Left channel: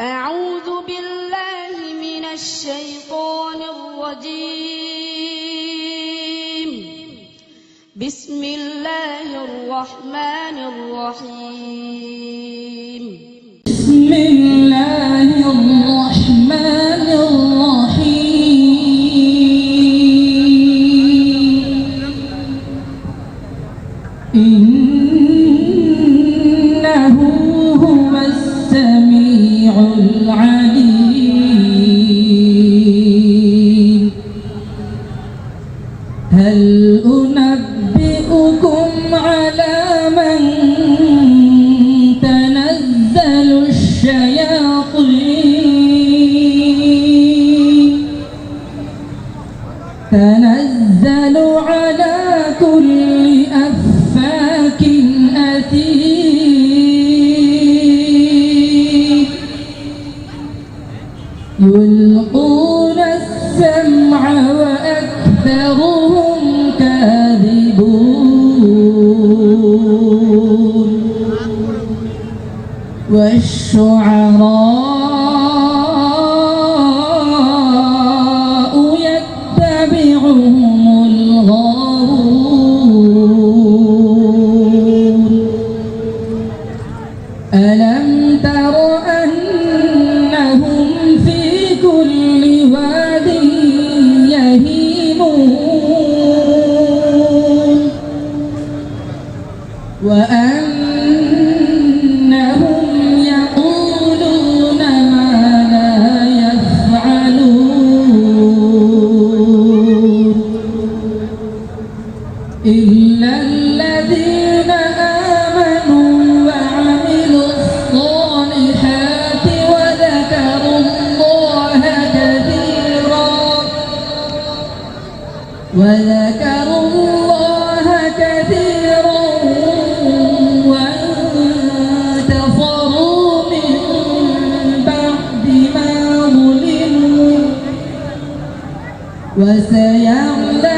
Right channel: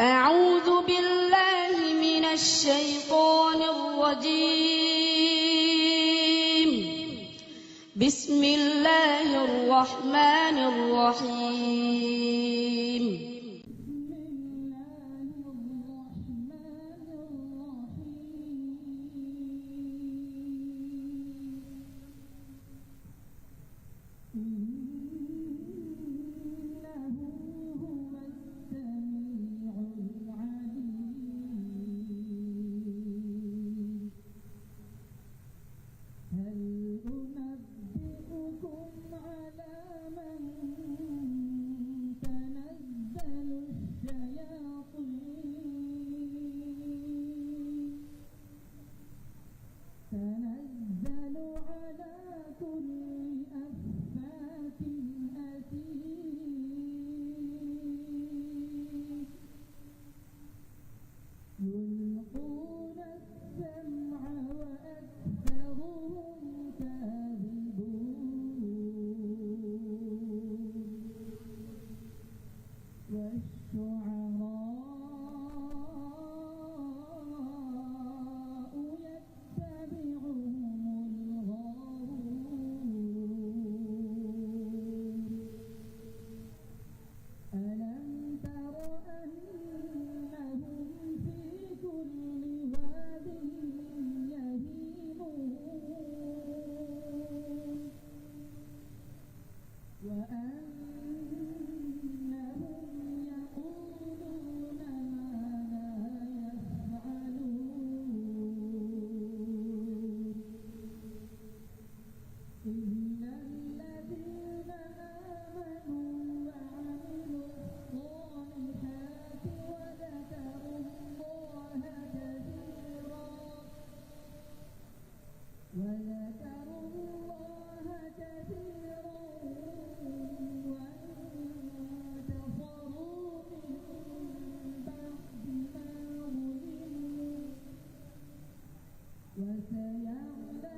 أعوذ بالله من الشيطان الرجيم. بسم الله الرحمن الرحيم. بسم الله الرحمن الرحيم. إنه هو السميع العليم. هل أنبئكم على من تنزل الشياطين؟ تنزل على كل أفاك أثيم. يلقون السمع وأكثرهم كاذبون. والشعراء يتبعهم الغاوون. ألم تر أنهم في كل واد يهيمون وأنهم يقولون ما لا يفعلون إلا الذين آمنوا وعملوا الصالحات وذكروا الله كثيرا وانتصروا من بعد ما ظلموا وسيعلمون